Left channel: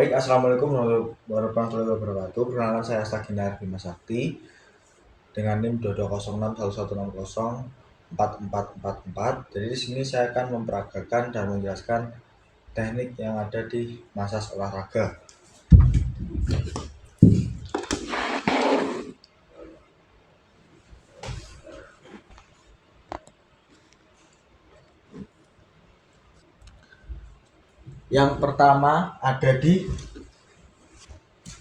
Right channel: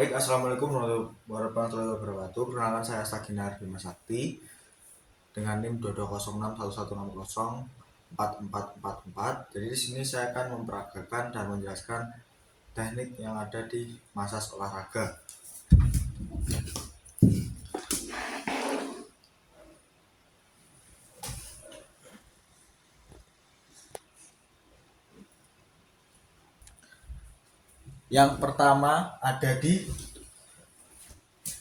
Baik, Assalamualaikum warahmatullahi wabarakatuh. Perkenalkan saya Astagina Bima Sakti dengan NIM 220611104444. Jadi di sini saya akan memperagakan dan menjelaskan teknik yang ada di massage olahraga. Yang pertama ada di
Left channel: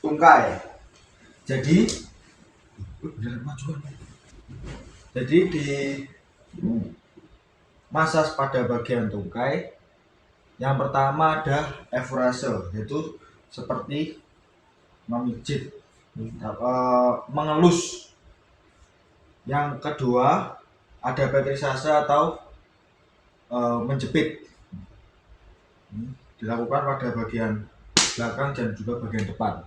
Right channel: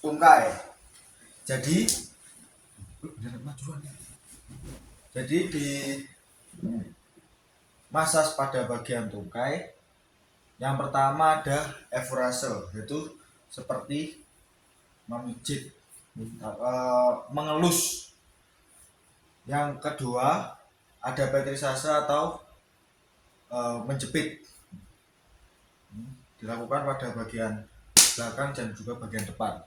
tungkai. Jadi di massage pada bagian tungkai, yang pertama ada efrase, yaitu seperti memijit, mengelus. Yang kedua ada petrisase atau menjepit, dilakukan pada bagian belakang dan juga bagian depan.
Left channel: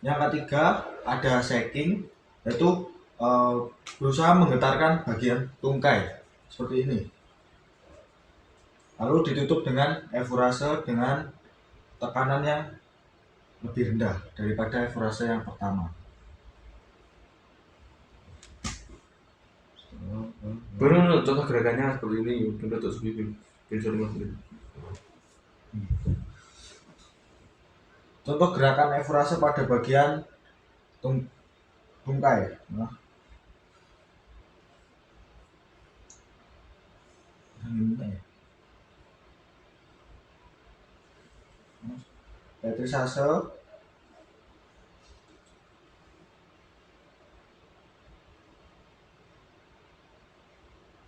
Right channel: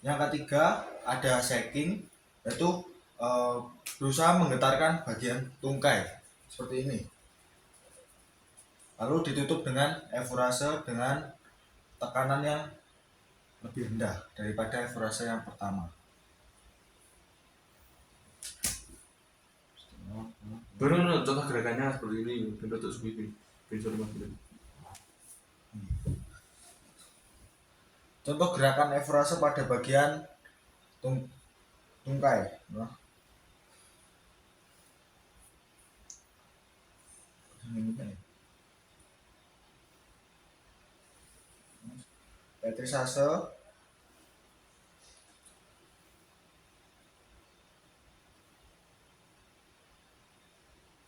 Yang ketiga ada shaking, yaitu berusaha menggetarkan bagian tungkai seperti ini, lalu ditutup dengan efrase dengan tekanan yang lebih rendah daripada efrase yang pertama. Benar, contoh gerakannya seperti ini. Contoh seperti ini. Contoh gerakan efrase pada bagian tungkai. Petrisase,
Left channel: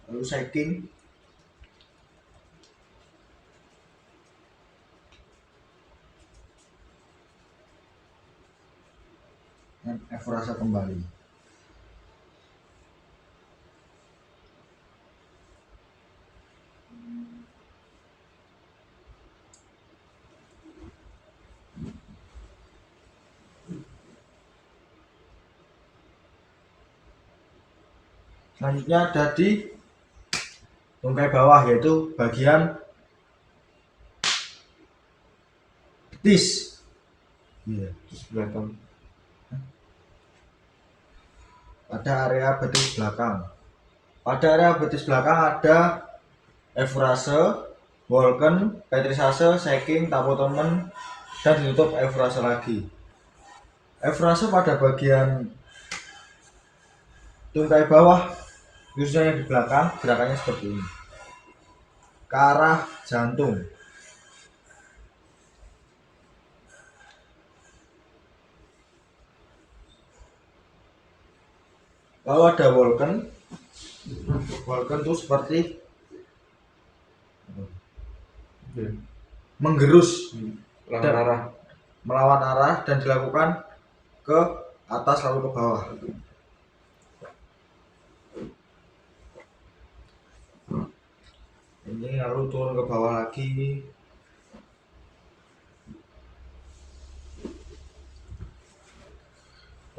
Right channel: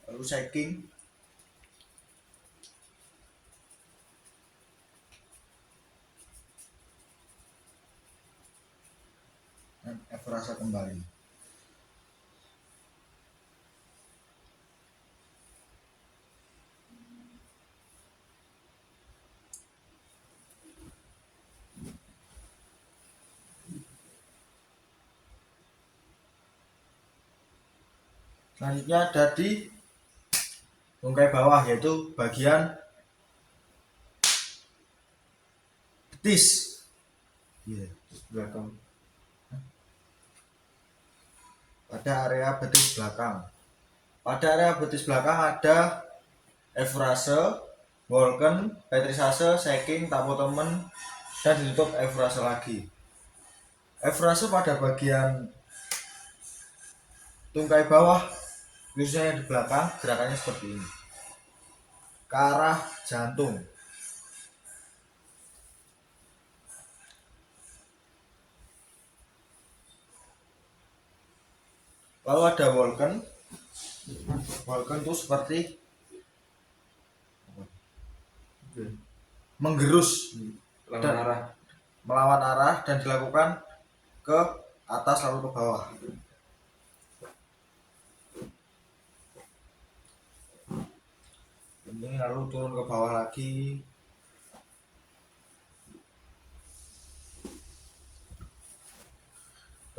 lalu shaking, dan efrase kembali. Selanjutnya ada di tungkai bawah, yaitu bagian betis. Belakang. Pada area betis belakang. Pada area betis belakang ada efrase, Walken, petrisase, shaking, tapotemen, dan ditutup efrase lagi. Efrase pada bagian tungkai bawah, khususnya yang di belakang, gerakannya seperti ini, ke arah jantung. Lalu ada Walken. Walken itu seperti menggerus dan melawan arah dan dilakukan ke atas lalu ke bawah. Ini lalu turun ke bawah lagi.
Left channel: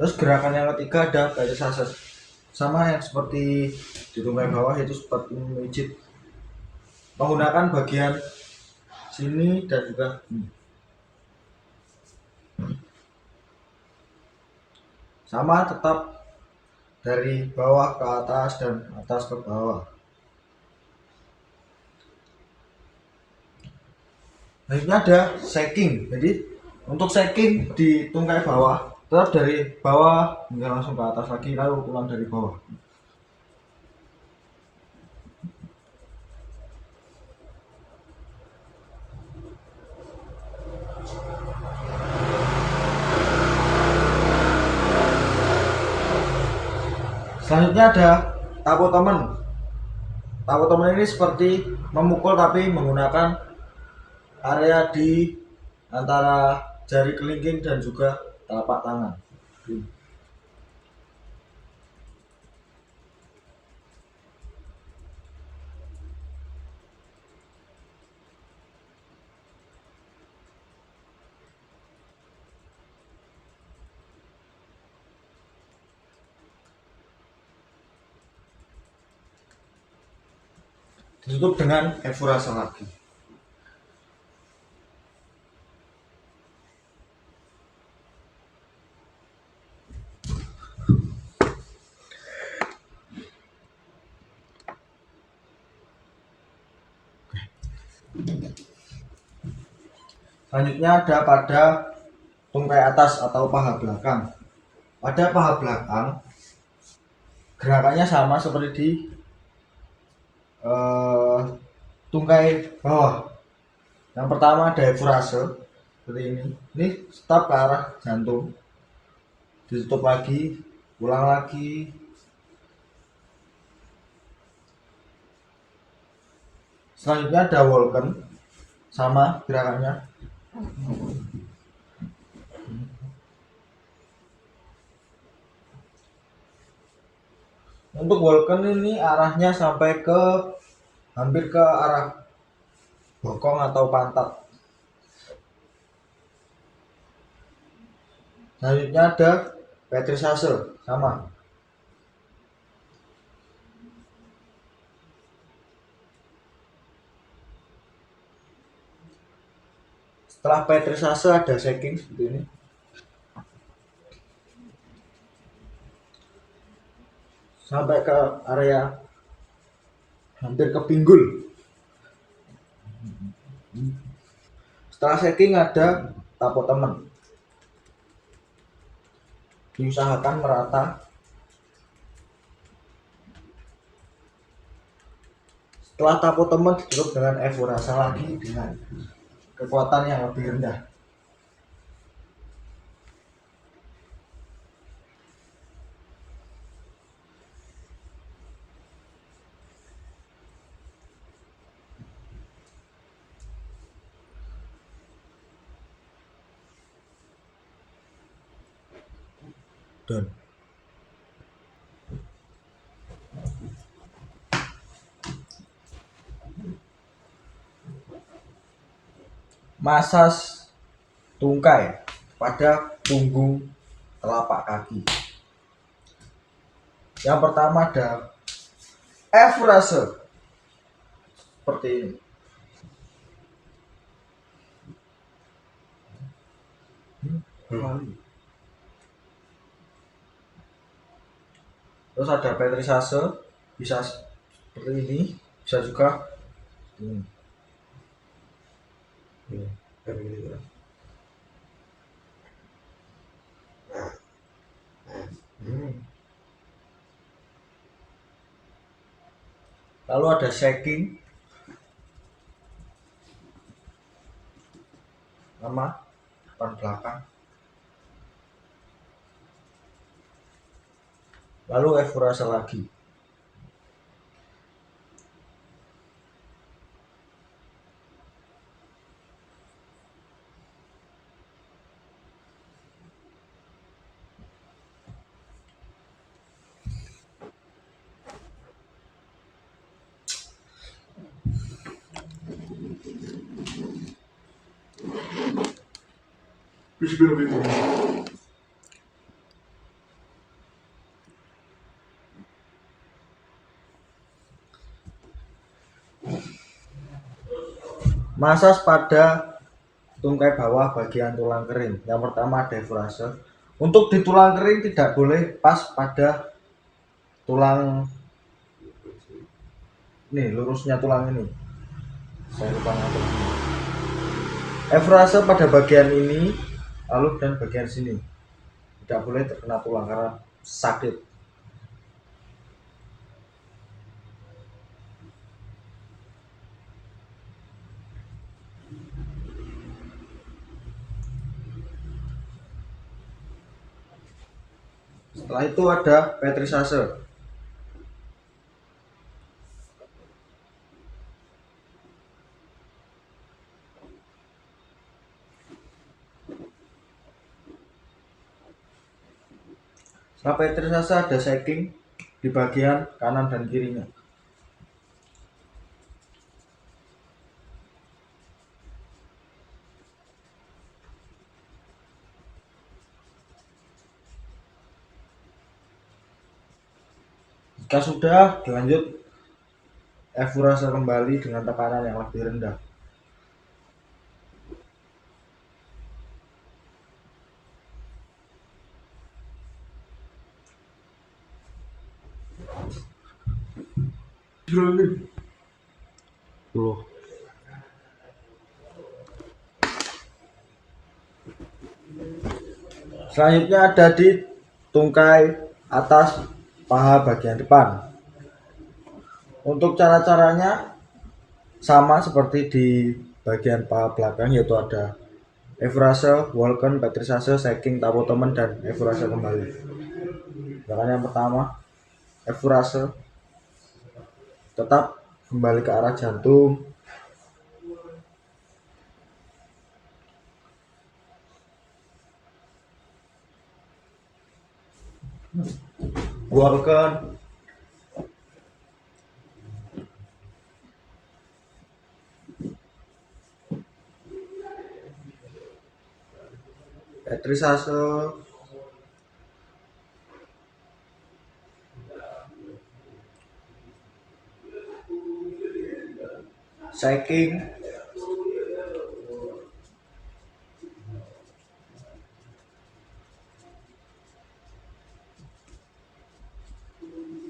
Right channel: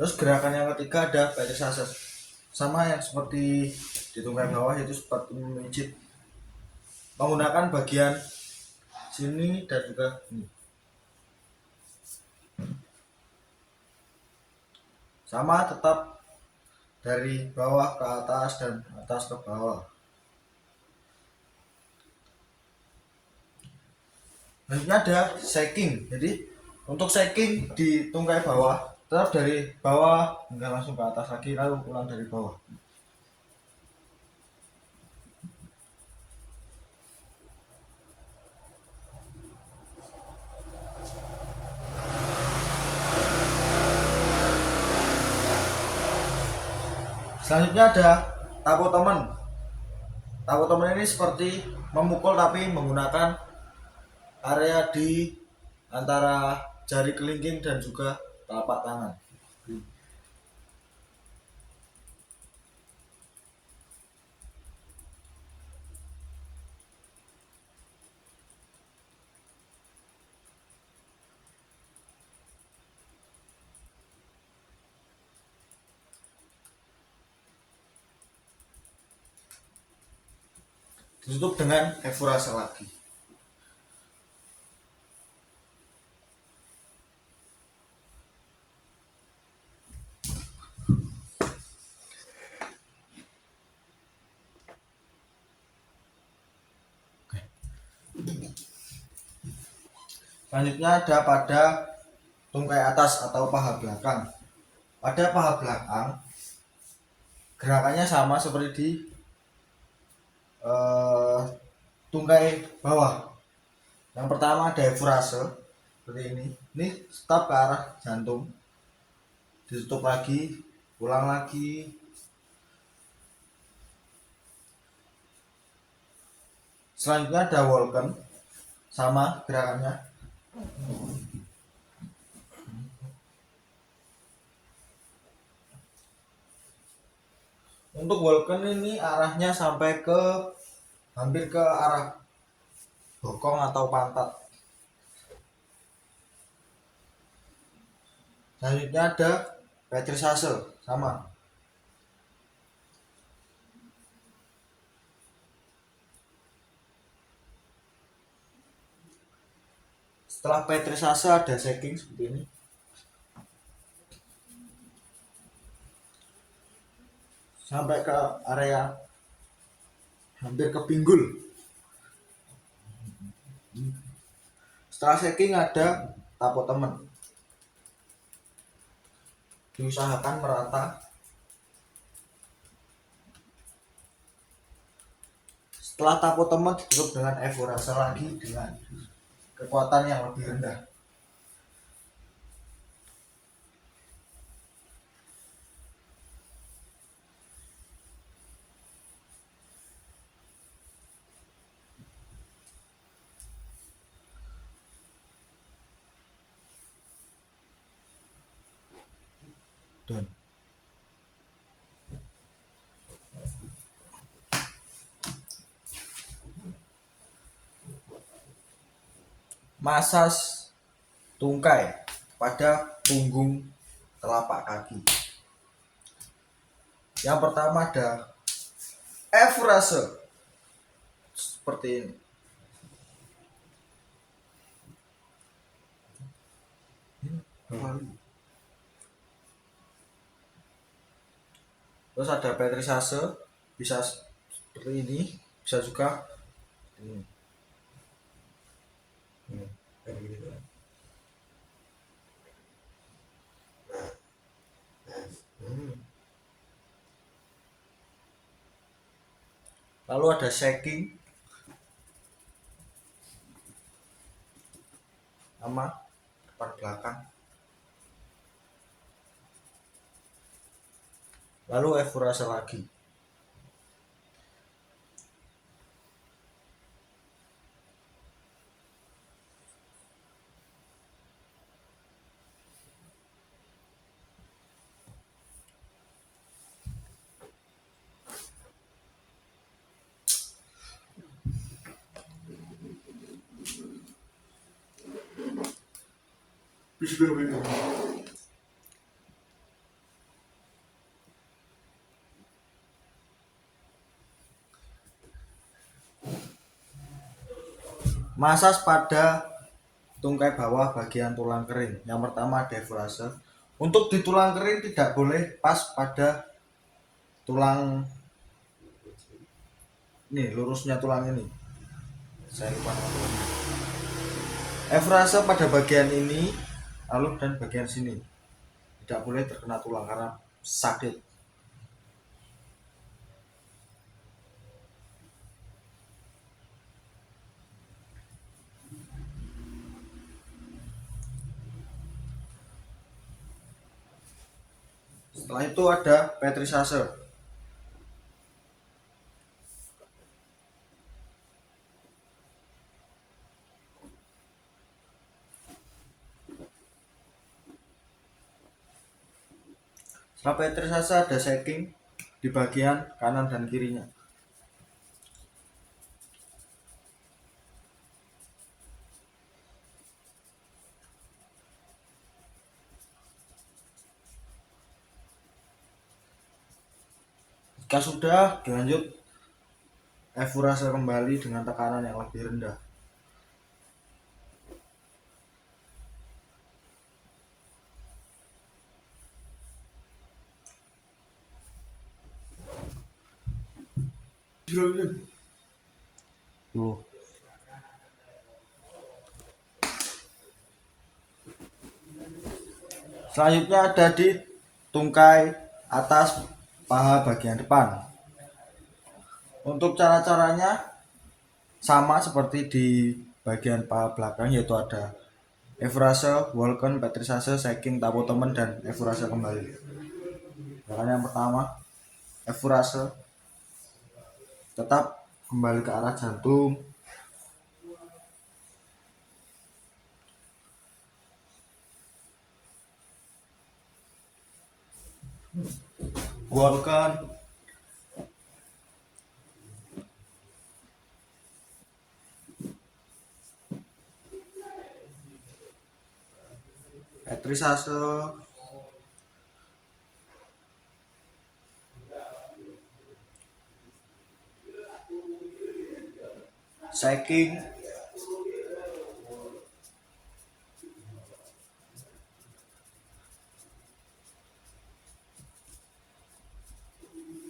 Terus gerakan yang ketiga ada petrisase, sama yang seperti di tungkai bawah, yaitu seperti memijit menggunakan bagian sini dan juga ini. Sama, tetap dari bawah ke atas dan atas ke bawah. Selanjutnya ada shaking. Jadi untuk shaking di tungkai bawah, tetap dari bawah hingga langsung ke atas lagi, lalu ulang dari bawah. Selanjutnya ada tapotemen. Tapotemen ini seperti memukul tapi menggunakan area di antara jari kelingking dan juga telapak tangan. Ditutup dengan efrase lagi. Selanjutnya ada pada tungkai atas atau paha belakang. Pada paha belakang gerakannya sama seperti di tungkai bawah. Yang pertama ada efurase seperti ini. Ini stop ke arah jantung, ditutup lagi, ulang lagi. Selanjutnya ada Walken, sama gerakannya. Untuk Walken ini arahnya sampai ke hampir ke arah bokong atau pantat. Selanjutnya ada Petrisase, sama. Setelah Petrisase ada shaking seperti ini. Sampai ke area hampir ke pinggul. Setelah shaking ada tapo temen. Diusahakan merata. Setelah tapo temen ditutup dengan efurase lagi dengan kekuatan yang lebih rendah. Down. Masas tungkai pada punggung telapak kaki. Yang pertama ada efurase seperti ini. Terus ada Petrisase, bisa seperti ini, bisa juga ini. Lalu ada shaking sama depan belakang. Lalu efurase lagi. Masas pada tungkai bawah bagian tulang kering. Yang pertama ada efurase. Untuk di tulang kering tidak boleh pas pada tulang ini, lurusnya tulang ini. Saya lupa namanya. Efurase pada bagian ini, lalu dan bagian sini. Tidak boleh terkena tulang karena sakit. Setelah itu ada Petrisase. Setelah Petrisase ada shaking di bagian kanan dan kirinya. Jika sudah, dilanjut efurase kembali dengan tekanan yang lebih rendah. Loh. Selanjutnya ada di tungkai atas paha bagian depan. Untuk cara-caranya sama seperti di bagian paha belakang, yaitu ada efrase, walken, petrisase, shaking, tapotemen, dan efrase kembali. Gerakan yang pertama, efrase, tetap kembali ke arah jantung. Walken, petrisase, shaking,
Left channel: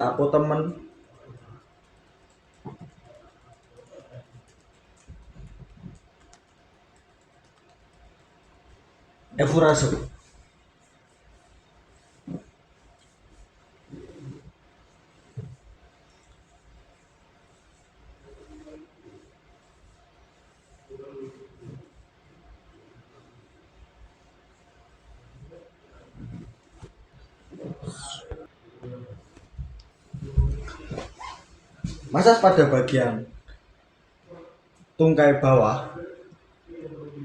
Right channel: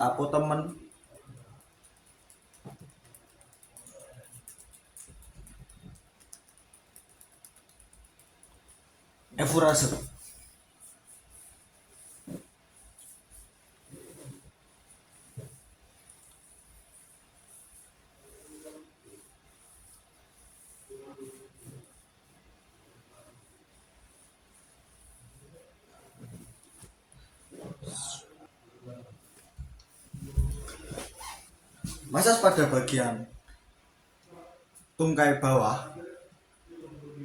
tapotemen, efrase. Masas pada bagian tungkai bawah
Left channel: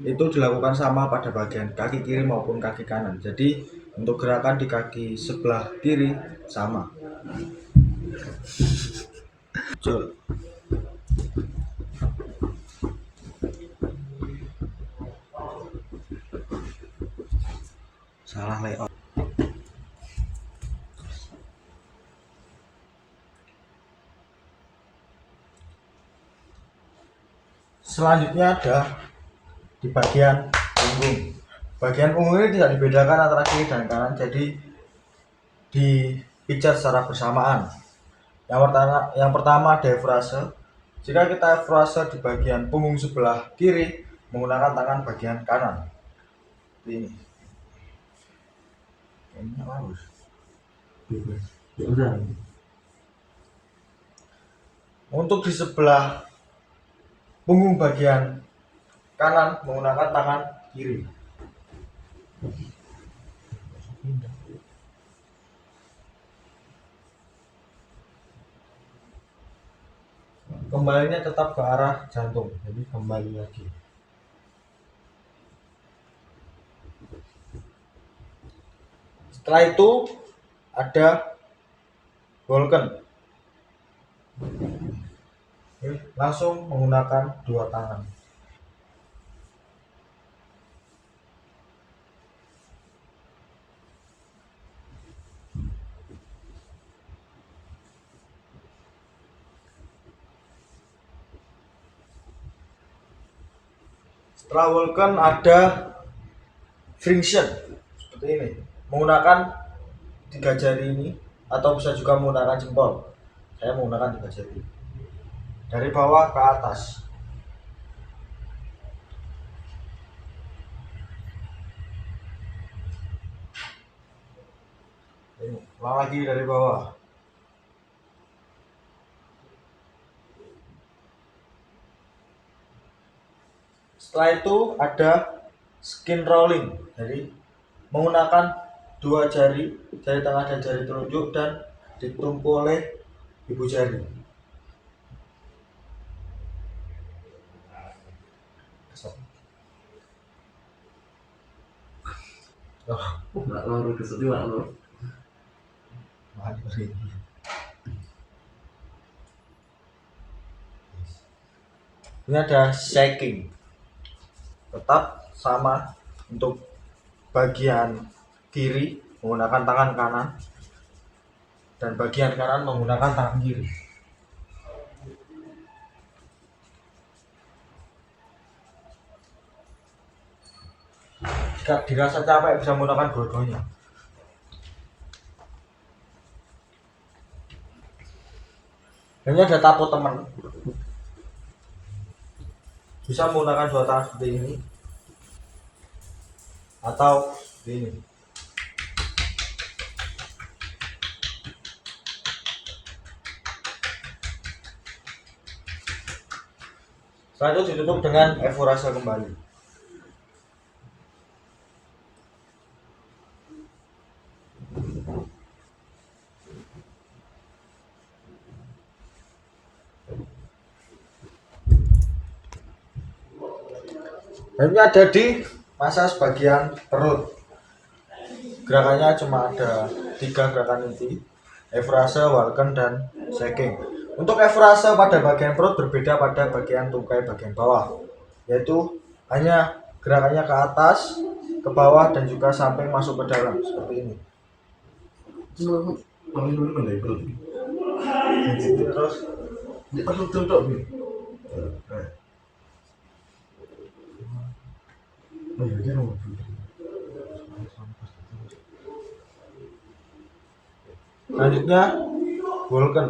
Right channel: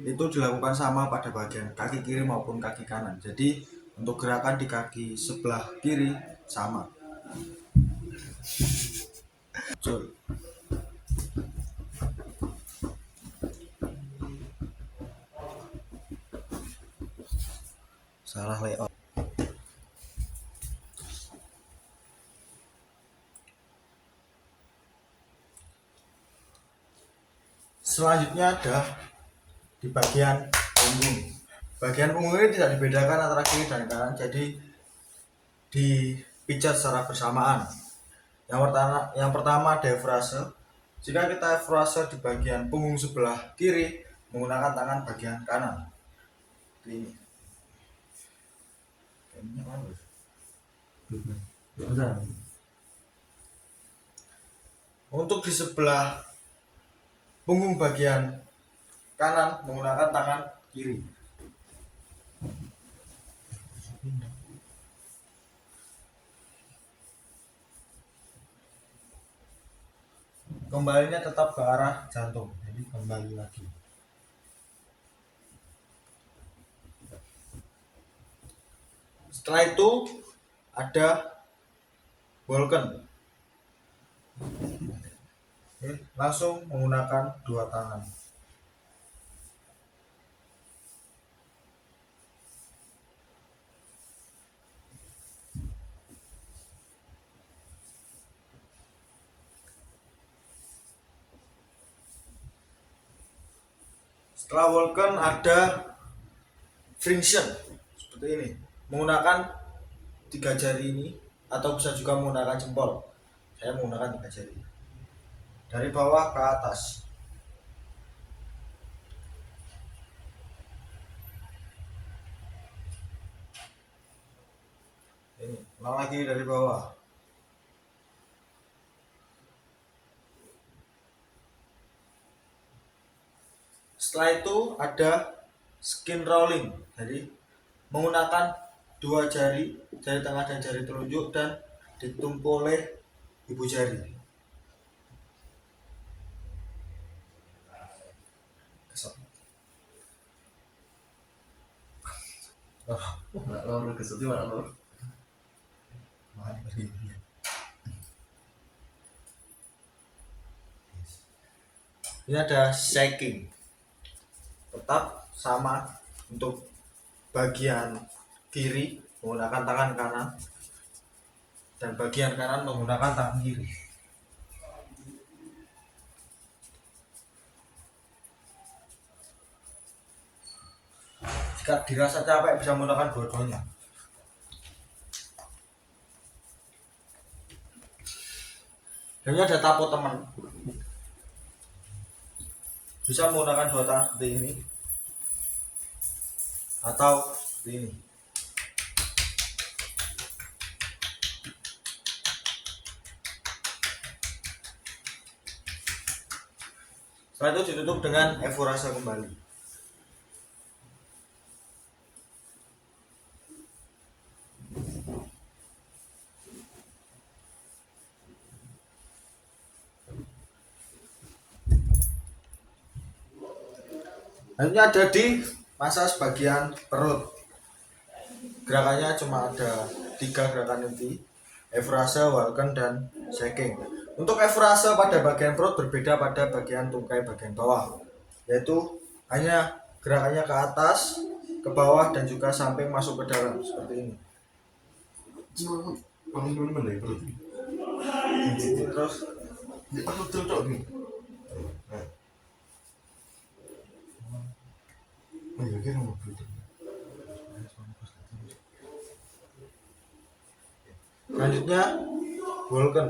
itu dilakukan sama pada bagian kaki kiri maupun kaki kanan. Jadi untuk gerakan di kaki sebelah kiri sama. Jol. Salah layout. Selanjutnya ada di bagian punggung. Bagian punggung ini tidak dibedakan antara kiri dan kanan, jadi dipijat secara bersamaan. Yang pertama ada efrase. Jika kita efrase di bagian punggung sebelah kiri menggunakan tangan bagian kanan. Ini. Kayaknya bagus. Untuk di sebelah punggung bagian kanan menggunakan tangan kiri. Kembalinya tetap ke arah jantung, jadi kembali lagi. Setelah itu ada walken. Langsung menggunakan dua tangan. Setelah walken ada friction seperti ini, menggunakan 3 jari ini atau bisa juga menggunakan jempol. Saya menggunakan 3 jari dari bawah ke atas. Ini, ulang lagi dari bawah. Setelah itu ada skin rolling, jadi menggunakan 2 jari, jari tengah dan jari telunjuk, dan ditumpu oleh ibu jari. Nggak loro kesel juga loro. Ini ada shaking, tetap sama untuk bagian kiri menggunakan tangan kanan dan bagian kanan menggunakan tangan kiri. Jika dirasa capek bisa menggunakan dua-duanya. Ini ada tapotemen, bisa menggunakan dua tangan seperti ini atau seperti ini. Setelah itu ditutup dengan evorase kembali. Selanjutnya ada di masas bagian perut. Gerakannya cuma ada 3 gerakan inti: evorase, Walken, dan shaking. Untuk evorase pada bagian perut berbeda pada bagian tungkai bagian bawah, yaitu hanya gerakannya ke atas, ke bawah, dan juga samping masuk ke dalam seperti ini. Paling dulu kan dari perut. Terus Di perut cocok nih. Oh iya kira mau perut. selanjutnya Walken.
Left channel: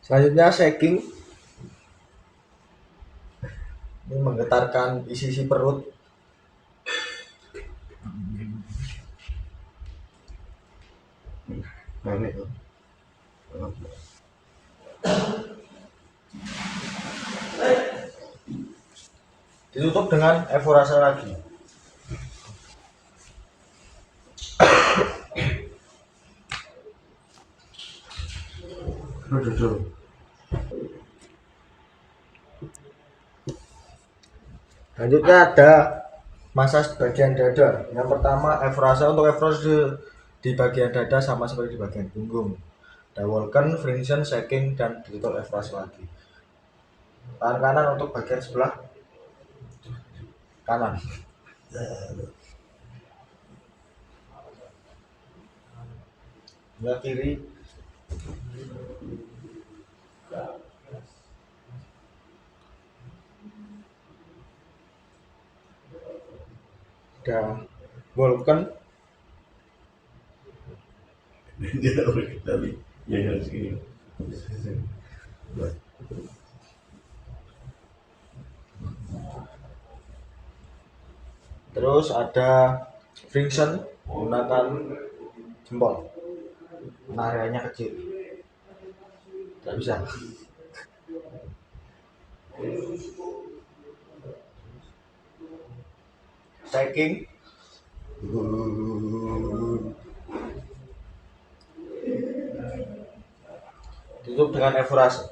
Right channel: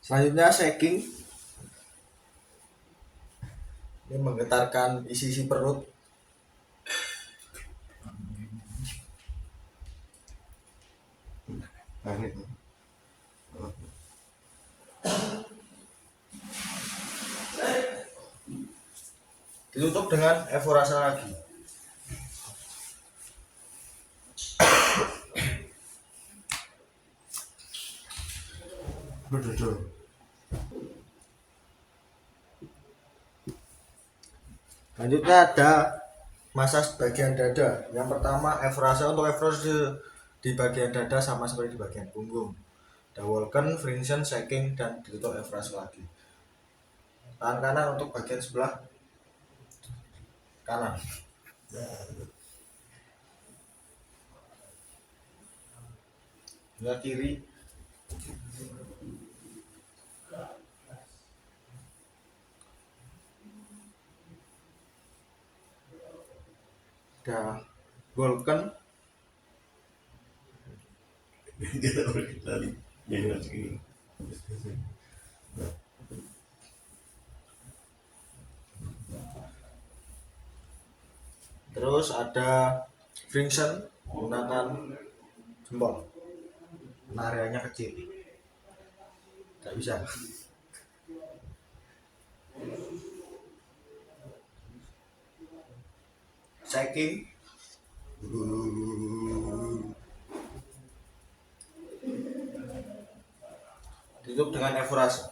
Selanjutnya shaking. Ini menggetarkan isi perut. Nah ini tuh. Ditutup dengan evorase lagi. Duduk. Selanjutnya ada masas bagian dada. Yang pertama evorase. Untuk evorase di bagian dada sama seperti di bagian punggung. Ada Walken, Friction, shaking, dan ditutup evorase lagi. Tangan kanan untuk bagian sebelah kanan. Sebelah kiri ada Walken, Dia udah tadi. Ya harus gini. terus ada Friction menggunakan jempol. Areanya kecil, tidak bisa. Shaking ditutup dengan evorase.